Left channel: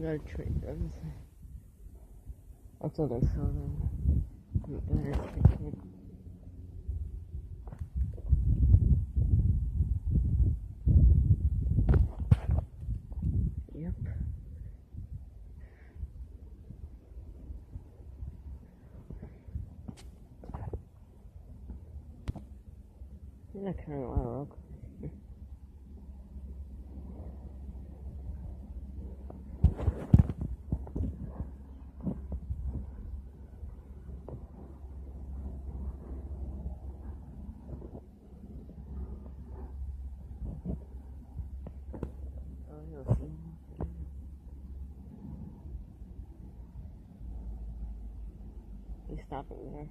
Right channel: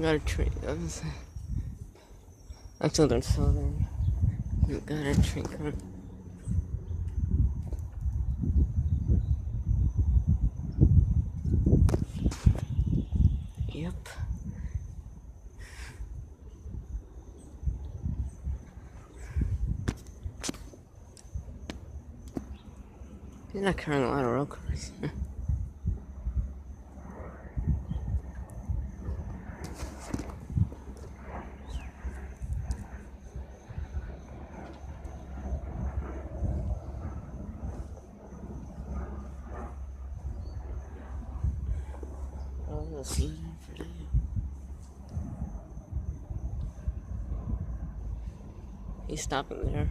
I got a tree. Actually, they're southern. I got a tree. Yep. He's not carrying a lot of road cars. He's stopping there.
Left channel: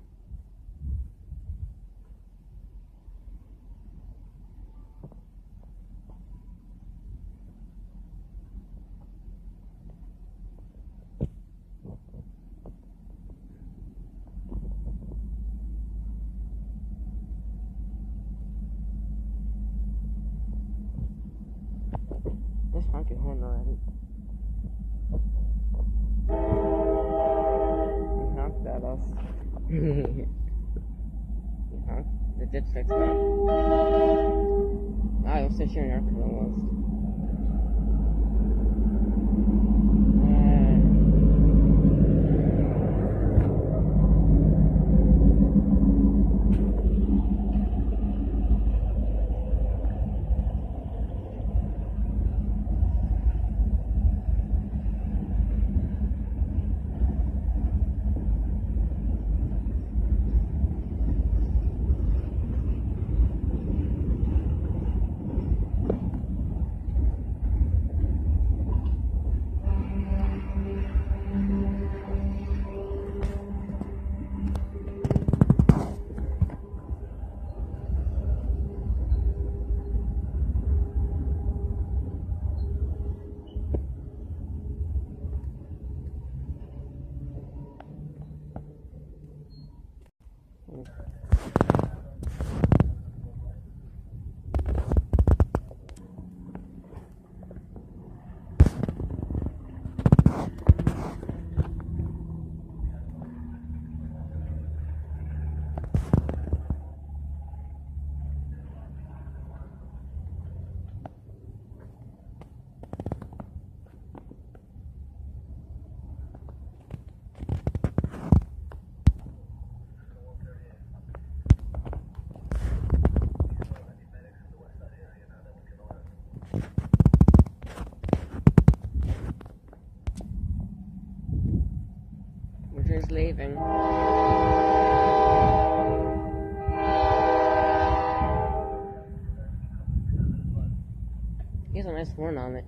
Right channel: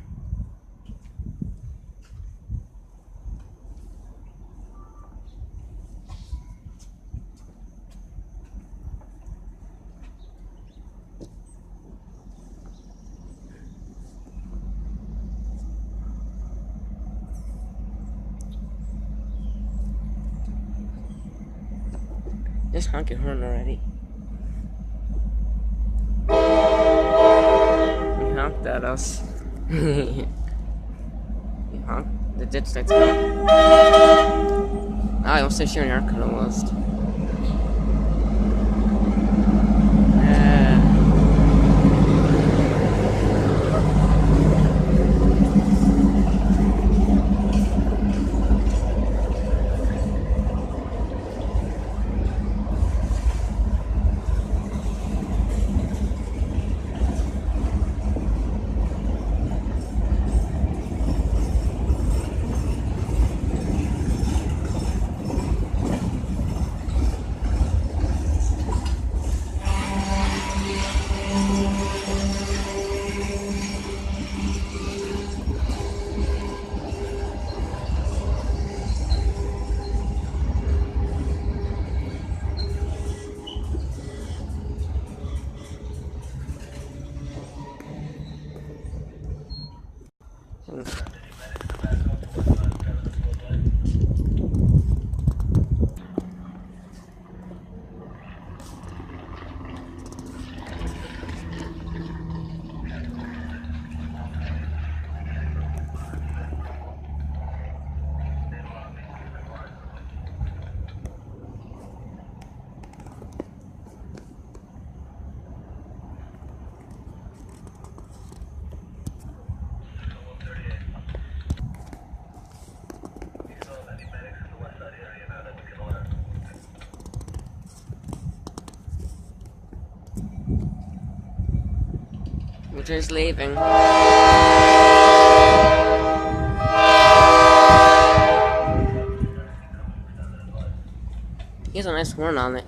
Just honk your horn already. You honked at us. You honked? The ditch light's gone. I almost said your car almost. We're just leaving. He has a nice horn on it.